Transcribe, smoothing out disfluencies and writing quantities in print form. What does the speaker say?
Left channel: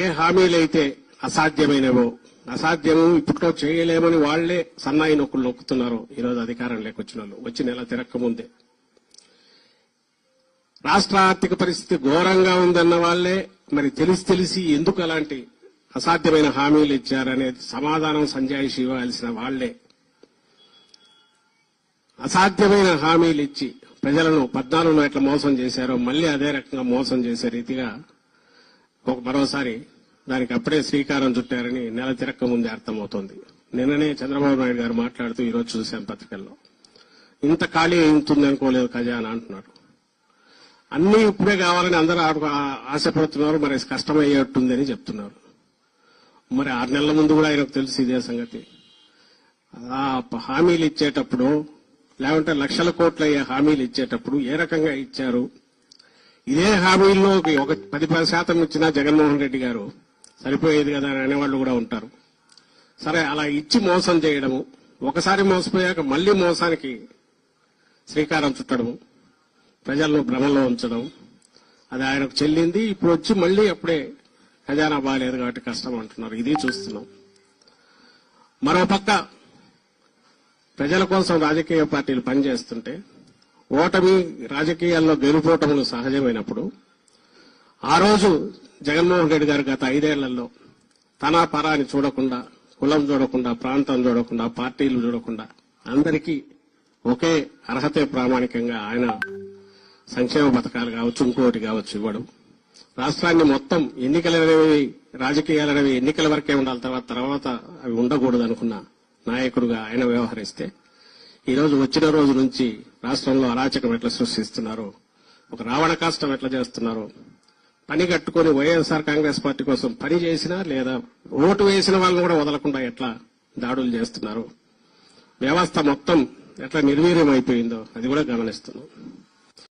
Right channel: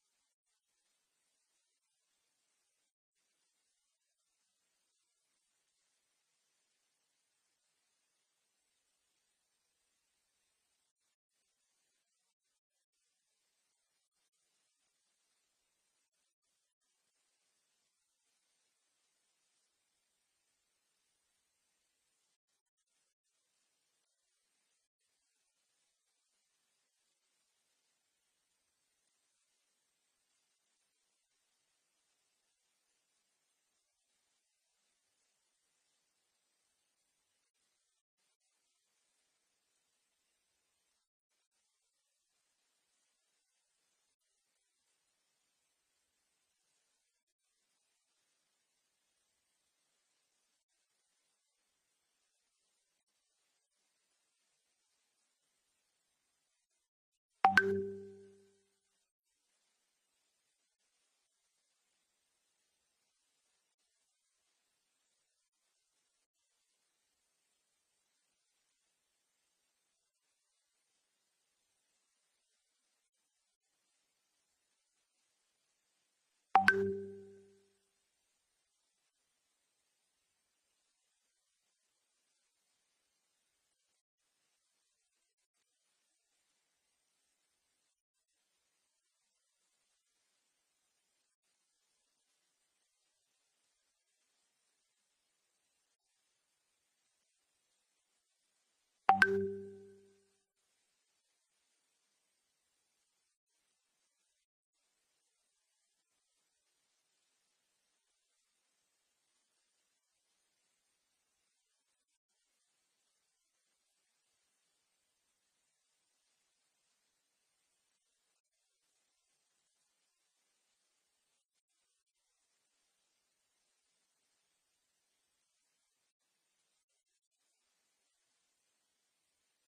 ఏ హామీలైతే అసాధ్యమైనవో, అసాధ్యము ఇప్పట్లో చేయలేమని వాళ్లే సన్నాయి నొక్కులు నొక్కుతున్నారు ఈరోజు అధికారం లేకొచ్చిన వాళ్ళు వచ్చి నెల తిరక్కముందే. రాష్ట్ర ఆర్థిక పరిస్థితి ఘోరంగా ఉందన్న వాళ్లే మరి తెలిసి ఎందుకు అలాంటి అసాధ్యమైన హామీలు ఇచ్చారనేది సమాధానం సంజాయిషి ఇవ్వాల్సిన వాళ్లే. అసాధ్యమైన హామీలు ఇచ్చి ప్రజలను 14లో ఎట్లా మోసం చేశారో మళ్లీ అదే రకంగా మోసం చేసే రీతిగా మరోసారి దానికి అప్పుడే శ్రీకారం చుట్టారని నెల తిరక్క ముందే అర్థమవుతోంది. నిన్ననే చంద్రబాబు నాయుడు గారు మాట్లాడుతూ ఈరోజు చూశాం పత్రికల్లో, ఇంత ఖాళీ అవుతుంది అనుకోలేదు ఖజానా అంటున్నారు. అన్ని ఇప్పుడే కావాలని అందరూ ఆశపడుతున్నారు, మరి కష్టమయ్యేట్టుందని చెప్తున్నారు. మరి 6 నెలల ముందు కూడా ఆయనకు తెలుసు ఇదే సంగతి. ఆ హామీలు ఇచ్చేటప్పుడు లేకుంటే లక్షల కోట్ల హామీలు ఇచ్చేటప్పుడు ఏ రకంగా ఇచ్చారు? ఇదే హామీల్లో ఒక 10% ఇచ్చినా జగన్మోహన్ రెడ్డి గారు సరిపోయేది కదా అని అనేవాళ్లు కూడా ఉంటారు. సరే, అలా ఇచ్చి మోసం చేయడము, ఒకసారి మోసపోయాక మళ్లీ మోసానికి శ్రీకారం చుట్టడము, ప్రజలను భ్రమలో ఉంచడం, అది ఆయనకు చెల్లింది. ఇప్పుడు వచ్చి మళ్లీ అప్పుడే ఖజానా బాగాలేదు కాబట్టి కష్టం అంటున్నారు. ఇది చూస్తున్నాం. మరోపక్క ప్రజల కోసం రాజకీయ పార్టీలు పనిచేస్తుంటే ఓటమి రాజకీయాల్లో గెలుపోటములు సహజమైనప్పుడు ఆ రోజు జగన్మోహన్ రెడ్డి గారు గత 5 ఏళ్లలో తన పరాని చూడకుండా, కులం చూడకుండా, ప్రాంతం చూడకుండా, పార్టీలు చూడకుండా అందరికీ ఒకే అర్హతే ప్రామాణికంగా ఆయన సంక్షేమ పథకాలు కావచ్చు, ఇంకోటి కావచ్చు ఇవ్వడం, రాష్ట్రాన్ని మొత్తం ఎన్నికలనేవి రాజకీయాలనేవి ఎన్నికల వరకే ఉండాలి, తర్వాత అవి ఉండకూడదు అనుకున్న నాయకుడుగా ఆయన వ్యవహరిస్తే ఈరోజు వచ్చిన రోజు నుంచి రాష్ట్రంలో అరాచకం ఎట్లా సృష్టిస్తున్నారో, ఒక రావణ కాష్టం ఎట్లా చేస్తున్నారో, పని కట్టుకుని వైఎస్ఆర్ కాంగ్రెస్ పార్టీ కోసం పని చేసినా లేదా ఓటు వేసిన వాళ్ళని కూడా వదలకుండా ఎట్లా దాడులు చేస్తున్నారు, వ్యవస్థ మొత్తం ఎట్లా నిర్వీర్యం అయిపోయిందో అది కూడా గమనిస్తున్నాం.